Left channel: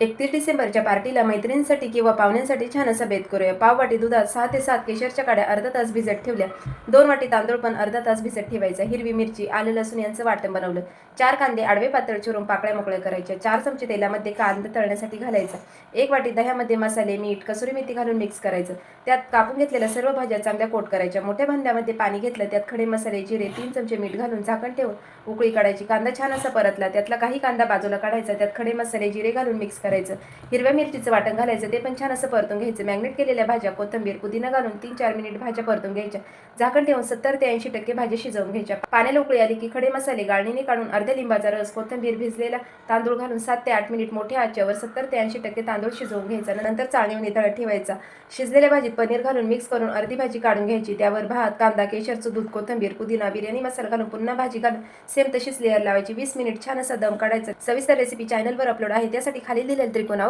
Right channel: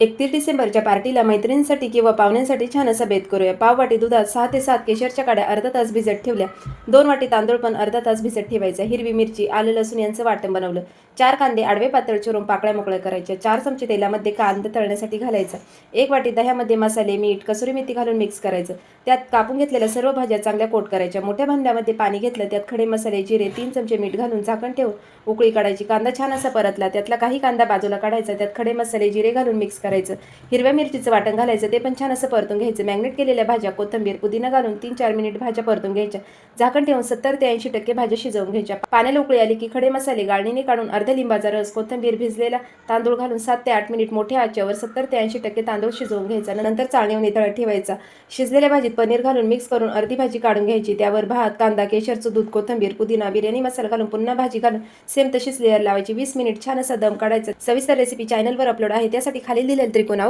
31 डिसेंबरच्या पार्टीला मैत्रिणींसाठी किंवा पाहुण्यांसाठी छान असा बेत करूया. पाव वाटी दुधात 6 ते 7 केशरच्या काड्या अर्धा तास भिजत ठेवल्या. 2 वाटी तांदूळ पण अर्धा तास भिजत ठेवायचा. हिरवी मिरची, आलं लसूण यांचं वाटण बनवलं. 4 कांदे आडवे पातळ चिरून पाकळ्या मोकळ्या करायच्या. 4 चमचे तेलामध्ये कांदा तळण्यासाठी घालायचा. 1 वाटी दह्यामध्ये मसाले, मीठ, कसुरी मेथी घालून मिक्स करायचं. त्यात कापून घेतलेल्या सर्व भाज्या चांगल्या कोट करायच्या. मोठ्या भांड्यामध्ये पाणी घेतलं. त्यात खडे मसाले, जिरे, 3 चमचे मीठ घालून झाकण ठेवून उकळी काढायची. कांदा छान असा परतला. त्यातला काही कांदा बाजूला काढायचा. त्यात खडे मसाले, जिरे घालून मिक्स करायचं. हिरव्या मिरचीचं वाटण घालायचं. ते पण छान असं परतून घ्यायचं. मॅग्नेट केलेल्या भाज्या, कोथिंबीर, पुदिना घालून 3-4 मिनिट भाज्या परतून घ्यायच्या. झाकण ठेवून 70 ते 80% भाज्या शिजवून घ्यायच्या. पाण्याला उकळी आली की खडे मसाले गाळणीने काढून अर्ध्या लिंबाचा रस, कोथिंबीर, भिजलेला तांदूळ घालून 7 ते 8 मिनिट मोठ्या आचेवर 70 ते 80% तांदूळ शिजवून घ्यायचा. नंतर चाळणीवर नितळत ठेवायचा. शिजलेल्या भाजीत पनीर घालून मिक्स करून अर्धी भाजी काढून घ्यायची. त्यावर भात, कांदा, केशरचं दूध, कोथिंबीर, पुदिना, बिर्याणी मसाला घालून पुन्हा भाजी घालून सेम तशीच लेअर लावायची. 20 मिनिट छान असा दम काढायचा. सविस्तर रेसिपी चॅनलवर अपलोड आहे. त्यासाठी खाली दिलेल्या त्रिकोणावर